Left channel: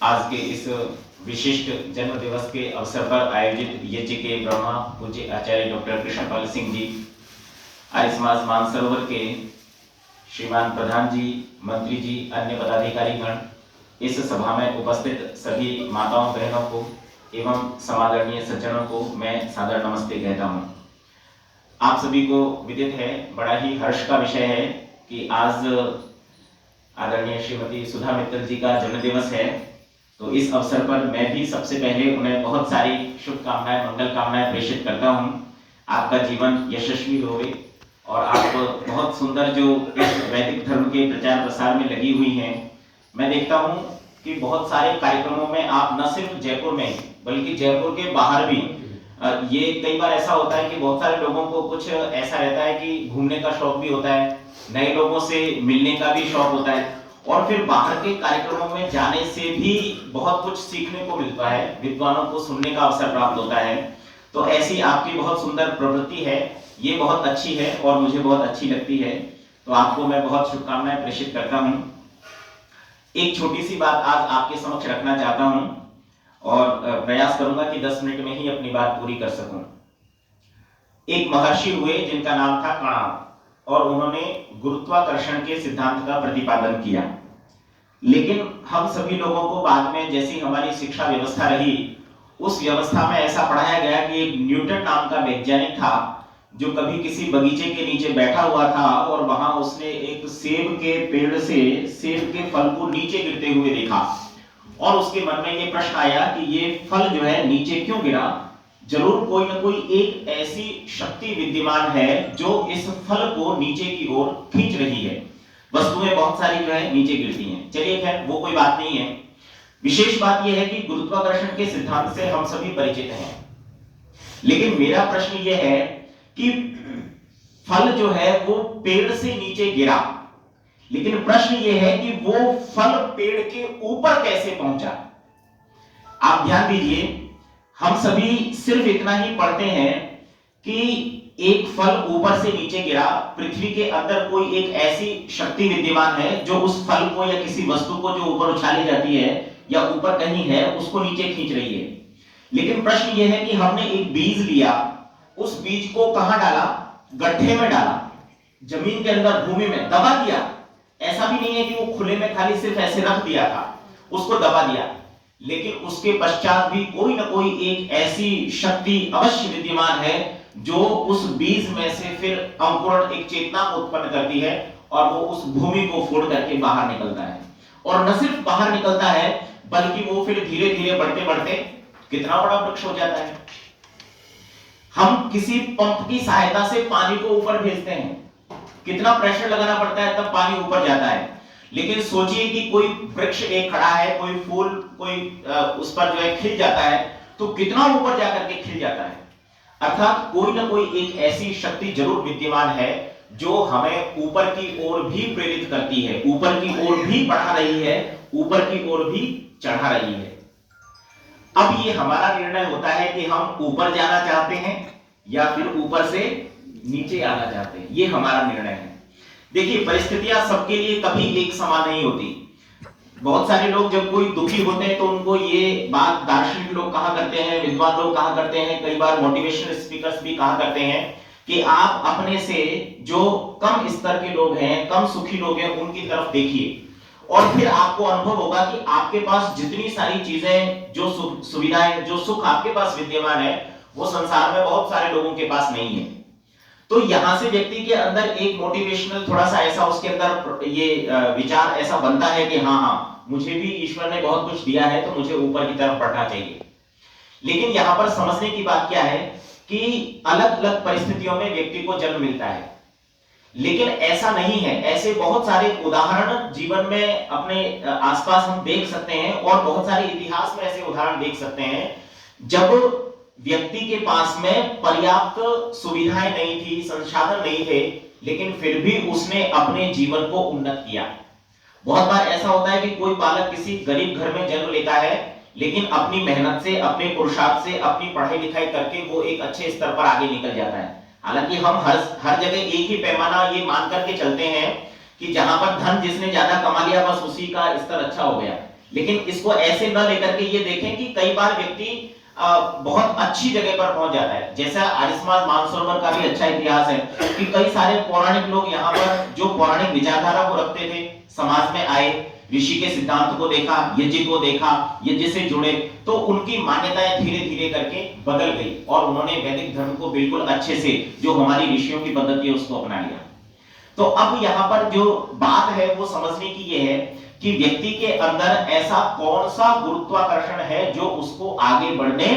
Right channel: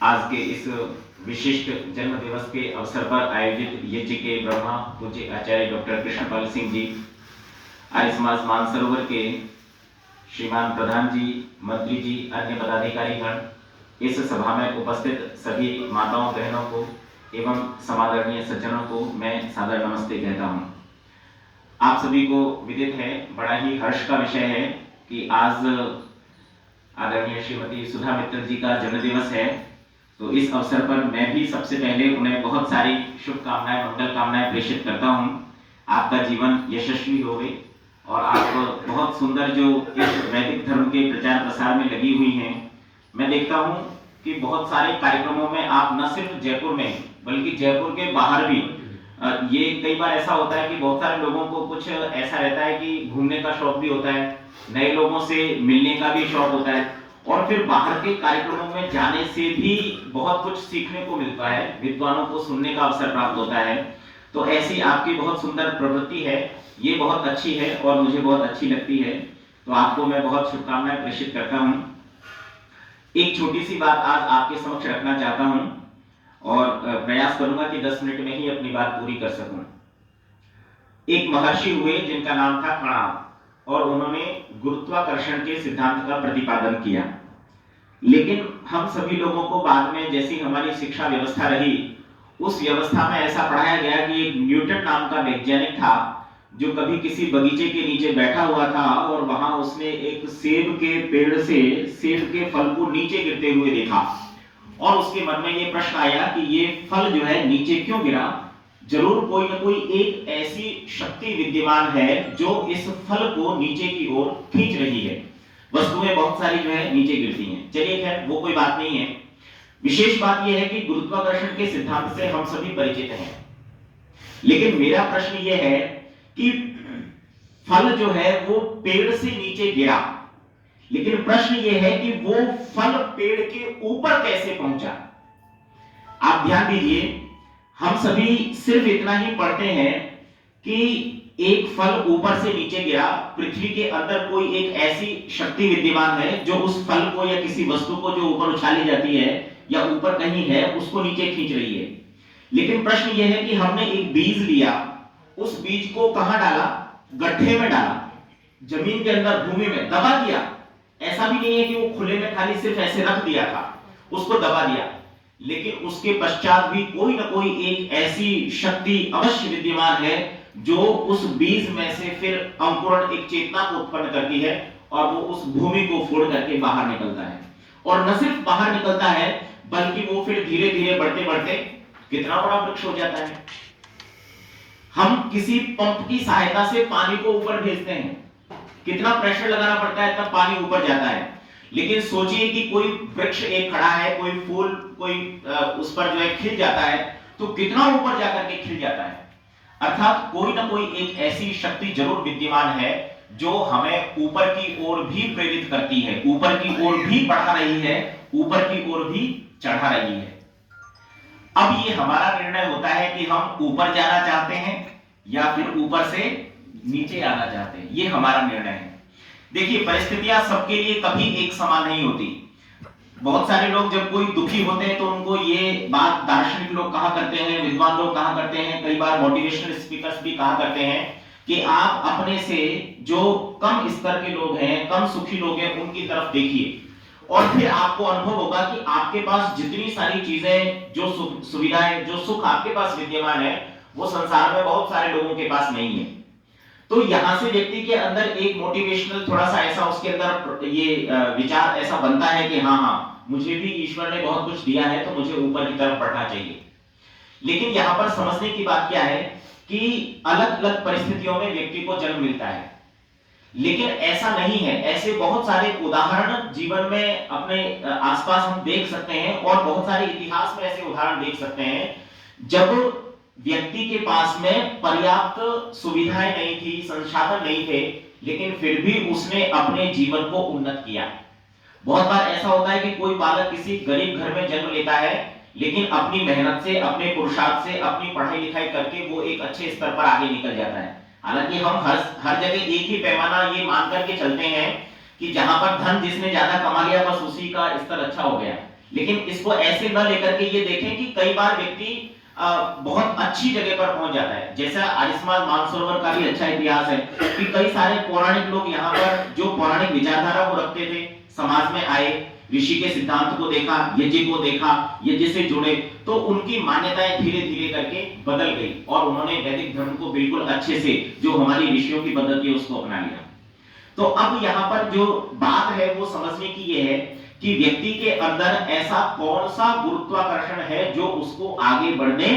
आज के इस विशिष्ट जन्म दिवस के अवसर पर आयोजित यज्ञ के ब्रह्मा पूज्य आचार्य डॉक्टर कृष्णपाल सिंह जी, आर्य समाज मानसरोवर के श्रीमान प्रधान जी, मंत्री जी, अन्य पदाधिकारी गण, इस सभा में उपस्थित सभी माताओं बहनों को एवं समादरणीय सज्जनों को मैं सादर नमस्ते कहता हूँ। आप सभी को विदित है, बड़ा ही हर्ष का विषय है कि आज आदरणीय श्रीमती सुधा मित्तल जी का जन्म दिवस है। तो इस अवसर पर मैं भी सबसे पहले उन्हें बहुत सारी शुभकामनाएं, मंगल कामनाएं प्रेषित करता हूं। आपका जीवन यशस्वी होवे और आप बहुत सुंदर जो इस वैदिक धर्म के प्रचार प्रसार में लगी हुई हैं। मैं देखता हूं कि बहुत सारे कार्यक्रमों में आप न सिर्फ जयपुर में बल्कि जयपुर के बाहर भी ये कई बार ऐसा होता है कि बहुत सारे लोगों को कुछ ऐसा रहता है कि घूमने का शौक भी होता है, नए लोगों से मिलने का भी शौक होता है और फिर बाहर के कार्यक्रमों में जाने से भी बहुत कुछ सीखने को मिलता है, विद्वानों को सुनने का अवसर प्राप्त होता है। तो ऐसी आपकी बहुत सुंदर प्रवृत्ति है, ये बहुत अच्छी है और मुझे बहुत अच्छी लगती है। तो आपको मैं बहुत शुभकामनाएं प्रेषित करता हूं। एक छोटी सी बात आज आपके समक्ष रखना चाहता हूं और प्रयास करूंगा कि 10 मिनट में ही अपनी बात पूरी कर सकूं। एक महर्षि हुए जिनका नाम था कणाद और उन्होंने गुरुत्वाकर्षण के सिद्धांत का प्रतिपादन किया। लेकिन हम सभी लोगों को बाद में जैसी हमारी शिक्षा व्यवस्था रही, उस व्यवस्था में ऐसा पढ़ाया गया कि एक न्यूटन नाम का वैज्ञानिक था जो कभी किसी बगीचे के नीचे बैठा हुआ था और वहां उसने एक सेब के पेड़ से सेब के फल को नीचे गिरते हुए देखा और उसके मन में ये प्रश्न आया कि ये फल जो है नीचे क्यों गिरा। जरूर कोई ना कोई एक ऐसी शक्ति विद्यमान है जो इस फल को नीचे की ओर खींच रही है। वस्तुएं बहुत सारी जो है नीचे गिरती हैं। चलिए खैर वो कोई बात नहीं है। विशेष बात यह है कि गुरुत्वाकर्षण के सिद्धांत से हम सभी परिचित हैं। लेकिन मेरा प्रश्न यह है कि फल जो है वो पेड़ से नीचे गिरा, लेकिन प्रश्न यह है कि वो फल पेड़ के ऊपर कैसे पहुंचा। आप ध्यान दीजिए, हम सभी सिर्फ इतना ही पढ़ते हैं कि एक फल ऊपर से नीचे गिरा, पृथ्वी के अंदर कोई एक ऐसी शक्ति विद्यमान है जो उस फल को या किसी वस्तु को जो ऊपर उछाली जाती है या ऊपर कहीं है उसको नीचे खींच रही है। लेकिन प्रश्न यह है कि हमने एक बीज लिया, उस बीज को कहां डाला? गड्ढे में डाला, जमीन के अंदर भूमि में दबा दिया। ऐसा भी नहीं है कि वो खुले में खाली सिर्फ ऐसे रख दिया था, उसको दबा दिया। लेकिन उसके पश्चात भी कोई ना कोई एक ऐसी शक्ति अवश्य विद्यमान है जो उस बीज में से फिर अंकुरण, एक चेतना को उत्पन्न करती है और वो उस भूमि को फोड़ करके बाहर निकलता है। और न सिर्फ बाहर निकलता है बल्कि वो फिर धीरे धीरे बढ़ते बढ़ते कितना बड़ा वृक्ष हो जाता है। हम किसी पंप की सहायता से पानी को ऊपर भेजते हैं, कितना प्रेशर लगाना पड़ता है तब पानी ऊपर जाता है। लेकिन सोचिए कि कोई वृक्ष एक खड़ा है, कोई फूल कोई उस पर जो है खिल जाता है तो कितना ऊपर जाकर के खिल जाता है। अर्थात कोई ना कोई एक ऐसी शक्ति जरूर विद्यमान है जो हमें ऊपर की ओर भी प्रेरित करती है, ऊपर की ओर भी बढ़ा रही है, ऊपर की ओर भी चढ़ा रही है। अब ये हमारा निर्णय होता है कि हम ऊपर जाना चाहते हैं या फिर ऊपर से नीचे आना चाहते हैं, ये हमारा निर्णय है। देखिए, परिस्थितियां सबके लिए कभी एक समान नहीं होती। बहुत सारे लोग जब कोई दुखी होते हैं तो उनको ये बात दार्शनिक लोग कहा करते हैं, विद्वान लोग कहा करते हैं, कई बार मोटिवेशनल स्पीकर्स भी कहा करते हैं कि आप अपने से जो कम स्तर के लोग हैं, कम सुखी लोग हैं, उनकी तरफ देखिए और फिर आपको अनुभव होगा कि आपके पास जितनी सारी चीजें, जो सुविधाएं, जो सुख आपके पास विद्यमान है, वो संसार में बहुत सारे लोगों के पास नहीं है। तो यहां से व्यक्ति के अंदर एक मोटिवेशनल थोड़ा सा ऐसा उसके अंदर ये विचार ऐसा बनता है कि हाँ हाँ, मुझे भी ईश्वर ने बहुत कुछ दिया है तो मुझे ऊपर की तरफ बढ़ना चाहिए। लेकिन यहां पर समझने की बात क्या है कि अलग अलग परिस्थितियों में व्यक्ति को जन्म मिलता है, लेकिन ऐसा नहीं है। ऐसे बहुत सारे उदाहरण जीवन में अपने आसपास हम देख सकते हैं और बहुत सारे इतिहास में ऐसे उदाहरण देख सकते हैं जब व्यक्ति के पास में पर्याप्त सुविधाएं नहीं थी, संसाधन नहीं थे, लेकिन फिर भी उसने अपने जीवन को उन्नत किया। बहुत बार ऐसा होता है कि कोई बालक किसी गरीब घर में जन्म लेता है, लेकिन अपनी मेहनत से, अपने पुरुषार्थ से, अपनी पढ़ाई लिखाई करके वो एक अच्छे स्तर पर आगे निकल जाता है। हालांकि हम हर जगह एक ही पैमाना ये मान करके चलते हैं कि जहां पर धन जिसने ज्यादा कमा लिया बस उसी का स्तर अच्छा हो गया। लेकिन इसको ऐसे न लेकर के ये देखें कि कई बार व्यक्ति बहुत अच्छी जगह पर पहुंच जाता है। जैसा आरिसमास मानसरोवर का भी अच्छा इतिहास है कि कई सारे पौराणिक लोग यहाँ पर जो पौराणिक विचारधारा को रखते थे, समाज में आए, ऋषि के सिद्धांत को देखा, यज्ञ को देखा, यज्ञ से जुड़े, तो उनकी मान्यताएं धीरे धीरे करके बदल गई और उन्होंने वैदिक धर्म को बिल्कुल अच्छे से, जो हमारी ऋषियों की पद्धति है, उसको अपना लिया। तो अब यहाँ पर जो बात है वो समझने की ये है कि व्यक्ति के अंदर ऐसा कौन सा गुरुत्वाकर्षण है जो उसको आगे बढ़ने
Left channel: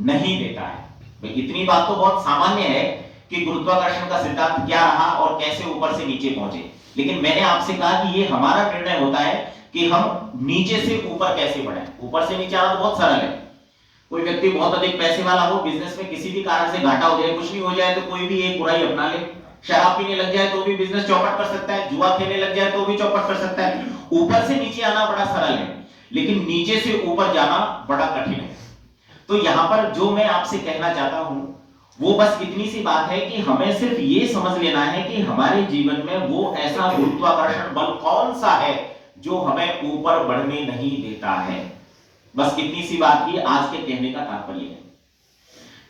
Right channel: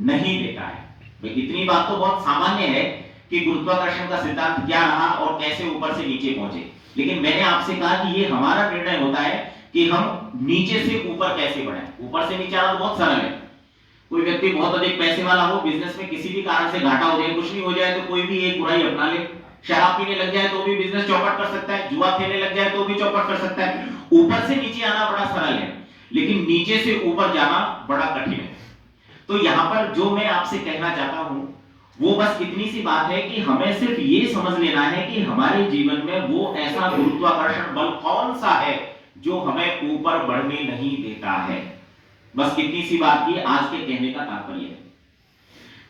नहीं देता है। इतनी बात तो बहुत सामान्य है कि गुरुत्वाकर्षण का सिद्धांत क्या रहा और कैसे ऊपर से नीचे पहुंचे, लेकिन मैंने आपसे कहा कि ये हमारा निर्णय होता है कि हम नीचे से ऊपर कैसे बढ़े। ऊपर से नीचे आना तो बहुत सरल है। कोई व्यक्ति बहुत अधिक पैसे वाला हो, बिजनेस में किसी भी कारण से घाटा हो जाए, कुछ नहीं हो जाए, तो कोई भी एक बुराई अपना ले। शराब पीने लग जाए तो भी बिजनेस चौपट कर सकता है, जुआ खेलने लग जाए तो भी चौपट कर सकता है। ऊपर से नीचे आना बड़ा सरल है, लेकिन नीचे से ऊपर जाना बड़ा कठिन है। तो यहाँ पर जो मैं आपसे कहना चाहता हूं वो बस इतनी सी बात है कि हमें सिर्फ ये समझ लेना है कि हमारे जीवन में वो ऐसा गुरुत्वाकर्षण बल कौन सा है जो हमें ऊपर बढ़ने नहीं देता है। बस इतनी सी बात ही आज के कहने का तात्पर्य है।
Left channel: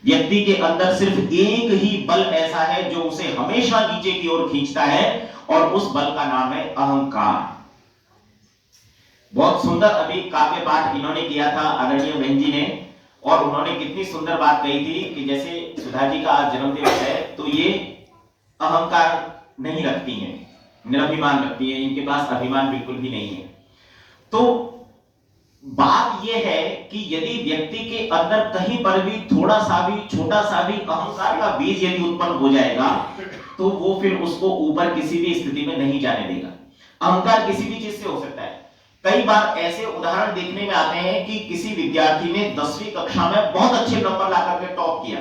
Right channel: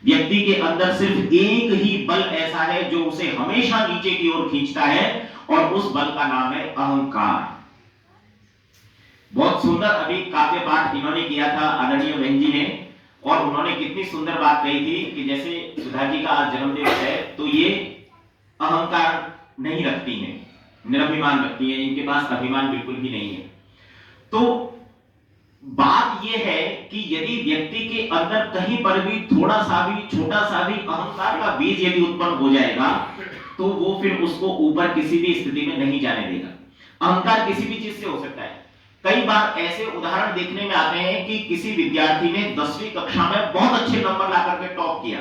व्यक्ति के अंदर सिर्फ एक ही बल ऐसा है जो उसे हमेशा नीचे की ओर खींचता है और उस बल का नाम है अहंकार। बहुत सुंदर अभी काव्य पाठ इन्होंने किया था आदरणीय बहन जी ने, और उन्होंने कितनी सुंदर बात कही थी कि जैसे सुधा जी का आज जन्मदिवस है तो ये अहंकार नहीं रखती हैं, निराभिमान रखती है, इनके पास अभिमान बिल्कुल भी नहीं है। तो बात यह है कि यदि व्यक्ति के अंदर कहीं पर भी थोड़ा सा भी, छोटा सा भी अहंकार का बीज यदि उत्पन्न हो जाएगा तो वो फिर उसको ऊपर किसी भी स्थिति में नहीं जाने देगा। अहंकार किसी भी चीज से हो सकता है। कई बार ऐसे उदाहरण देखने में आते हैं कि किसी विद्यार्थी ने 10वीं कक्षा में बहुत अच्छे नंबर ला करके टॉप किया,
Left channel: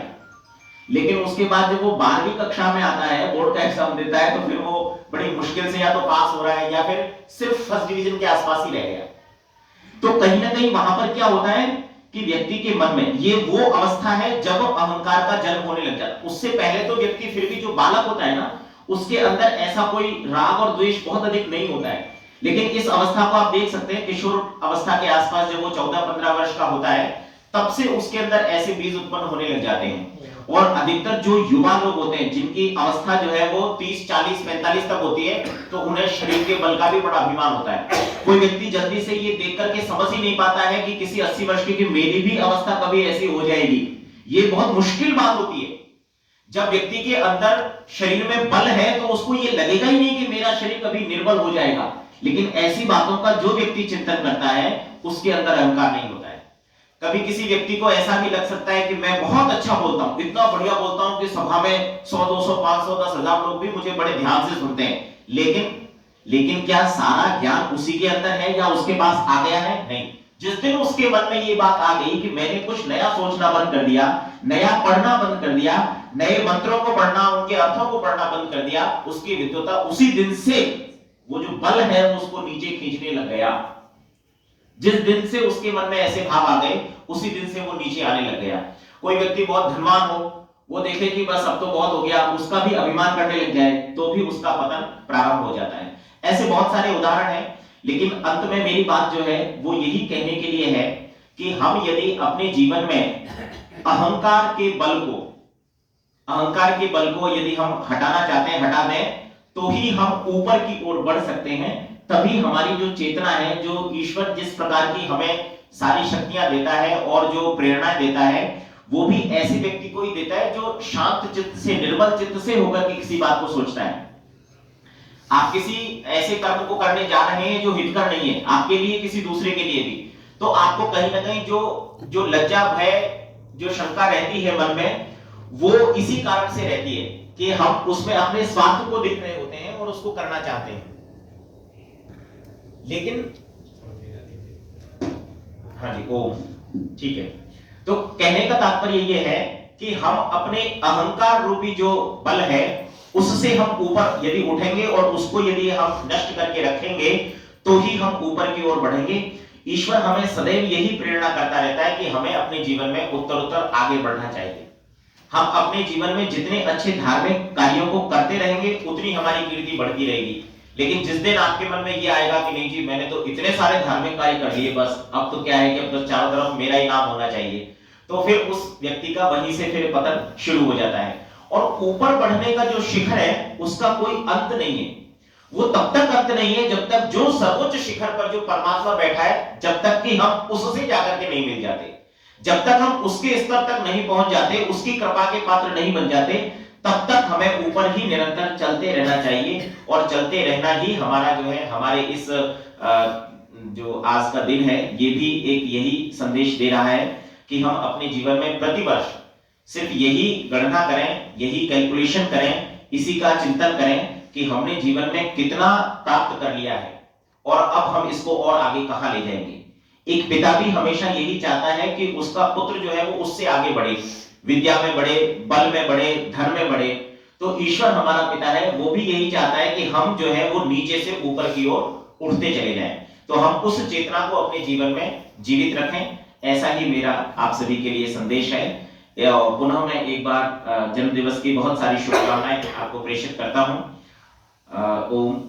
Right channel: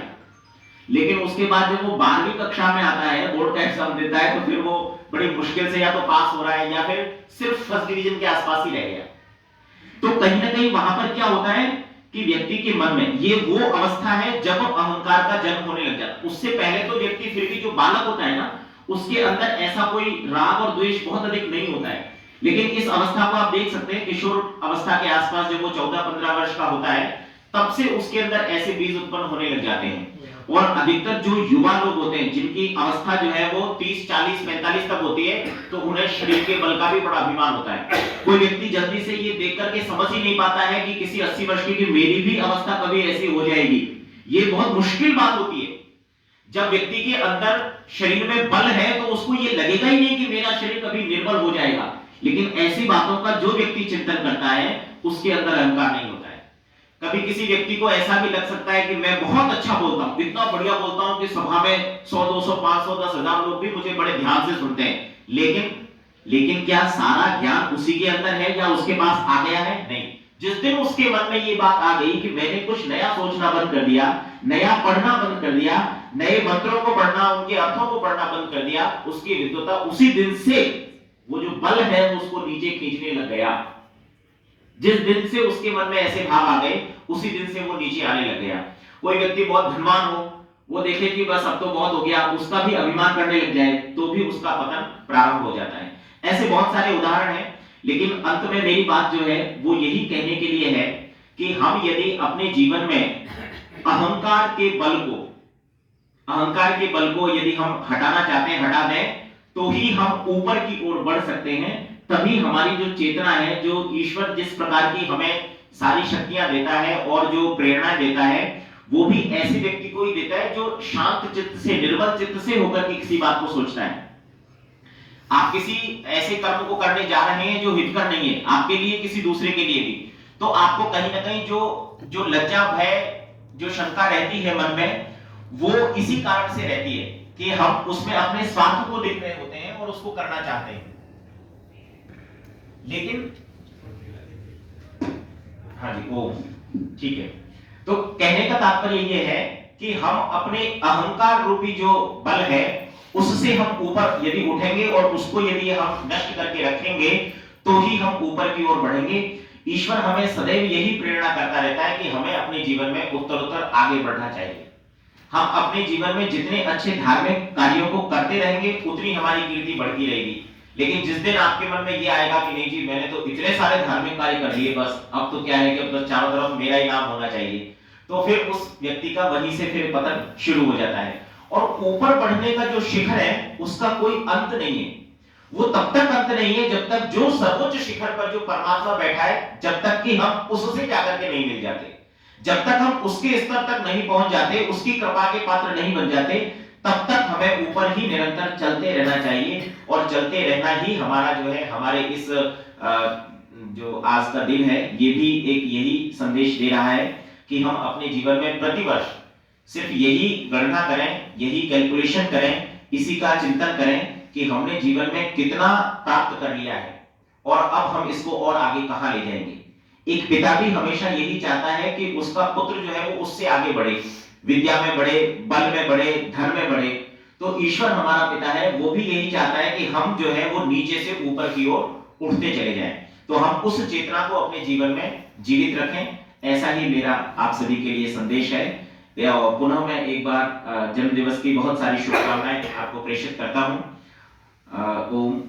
लेकिन उसके बाद जब वो 12वीं कक्षा में आता है, बोर्ड का एग्जाम देता है, तो फिर वो बड़ी मुश्किल से या तो पास हो रहा है या फिर सिर्फ फर्स्ट डिवीजन के आसपास ही रह गया। तो कहीं ना कहीं वहां पर क्या होता है कि व्यक्ति के मन में ये वो अवस्था है जब अहंकार का जन्म होने लग जाता है। उससे पहले तो व्यक्ति फिर भी जो बालक होता है ना, उसके अंदर ऐसा कोई राग और द्वेष बहुत अधिक नहीं होता है, लेकिन इस अवस्था को आप देख सकते हैं किशोर अवस्था के आसपास जब वो 14-15 वर्ष का होता है तब से उसके अंदर ऐसे बीज उत्पन्न होने लग जाते हैं। और अधिकतर जो युवा लोग होते हैं जिनकी अवस्था जो है वो 30, 40, 45 तक होती है, तो उन्हें शरीर के बल का भी बड़ा अभिमान होता है। कोई व्यक्ति जल्दी से ये देख करके समझ ही नहीं पाता है कि किसी 80 वर्ष की मेरी भी अवस्था कभी ऐसी हो जाएगी। ये बहुत मुश्किल बात होती है। जब व्यक्ति के अंदर शरीर में बल है तो उसको ये लगेगा ही नहीं कि मेरा शरीर कभी निर्बल हो जाएगा, लेकिन ऐसी बातों का जो व्यक्ति चिंतन करता है उसके अंदर अहंकार नहीं होता है। कभी किसी व्यक्ति को ऐसा भी लग सकता है कि मैं बहुत अच्छा बोलता हूं, इतना बढ़िया बोलता हूं कि सभा में 100, 200, 500, 10,000 लोग भी मुझे बड़े ध्यान से सुनते हैं, लेकिन क्या सारा ज्ञान उसी के अंदर है या उसके पास आ गया है? नहीं। जिस दिन उसके मन में ये बात आ गई कि मैंने कुछ नया सोचना बंद कर दिया, नया पढ़ना बंद कर दिया, नए मंत्रों को पढ़ना, उनके अर्थों को पढ़ना बंद कर दिया, उसकी विद्वता उसी दिन से वो जो बल है उसको नीचे खींचने लग गया। जिस दिन से उसके मन में ऐसे भाव आ गए उसी दिन से वो नीचे आने लग गया। कोई व्यक्ति बहुत धनवान हो, वो देखे कि बस अब तो बहुत हो गया, उसका भी अभिमान करने लग जाए तो भी उसका पतन प्रारंभ हो जाता है। ऐसे बहुत सारे उदाहरण हैं, लेकिन अंत में मेरी बात जो है वो यही कहने के लिए है कि हम यदि अपने जीवन में अहंकार के बल को यदि हम हटाना चाहते हैं, हटा दें, तो ही हम ऊपर की ओर बढ़ सकते हैं। तभी हमारी जो चेतना है, जो ईश्वर जिस प्रकार की हमें सारी शक्तियां देता है और जो प्रेरणा देता है, वो भी ऐसे व्यक्ति को ही देता है जो शांत चित्त से, निर्मल चित्त से होकर के किसी बात को सोचता है। आप किसी ऐसे कर्म को करने जा रहे हैं जो हितकर नहीं है आपके लिए, किसी दूसरे के लिए भी, तो आपको कहीं ना कहीं जो लज्जा, भय, जो शंका रहती है मन में, वो इसी कारण से रहती है कि हम उसमें अपने स्वार्थ को देख रहे होते हैं और उसको करना चाहते हैं। लेकिन हाँ जी, ओम, ठीक है। तो कहने का तात्पर्य यह है कि हम अपने अहंकार रूपी जो बल है उससे हम ऊपर यदि उठेंगे और उसको यदि हम नष्ट करके रखेंगे तो ही हम ऊपर की ओर बढ़ेंगे। ईश्वर हमें सदैव यही प्रेरणा करता रहता है कि हमें अपने जीवन में उत्तरोत्तर आगे बढ़ना चाहिए। हम अपने जीवन में जितने अच्छे धार्मिक कार्यों को करते रहेंगे उतनी हमारी कीर्ति बढ़ती रहेगी। लेकिन जिस दिन आपके मन में ये आएगा कि नहीं जी मैंने तो इतने सारे धार्मिक कार्य कर लिए, बस अब तो क्या है कि अब तो चारों तरफ मेरा ही नाम होना चाहिए, तो फिर उस व्यक्ति का वहीं से फिर पतन शुरू हो जाता है। और ऊपर बढ़ने का जो शिखर है उसका कोई अंत नहीं है। वो तब तक अंत नहीं है जब तक जो सर्वोच्च शिखर पर जो परमात्मा बैठा है, जब तक कि हम उससे जाकर के नहीं मिल जाते, जब तक हम उसके स्तर तक नहीं पहुंच जाते, उसकी कृपा के पात्र नहीं बन जाते, तब तक हमें ऊपर ही निरंतर चलते रहना चाहिए। और चलते रहना ही हमारा जो है, हमारे इस जो आज का दिन है ये भी एक यही संदेश दे रहा है कि हम अपने जीवन में प्रतिवर्ष सिर्फ यही गणना करें, यही कैलकुलेशन करें, इसी का चिंतन करें कि हमने जीवन में कितना प्राप्त कर लिया है और अब हम इसको और आगे कहां ले जाएंगे। एक पिता भी हमेशा यही चाहता है कि उसका पुत्र जो है वो उससे आगे बढ़े, विद्या में बढ़े, बल में बढ़े, धन में बढ़े। तो ईश्वर हमारा पिता है, वो भी यही चाहता है कि हम जो है वो नीचे से ऊपर की ओर उठते चले जाएं। तो हम उस चेतना को अपने जीवन में जीवित रखें, ऐसा ही मेरा आप सभी के लिए संदेश है। पुनः मैं एक बार जन्म दिवस की बहुत सारी शुभकामनाएं आपको प्रेषित करता हूं। ओम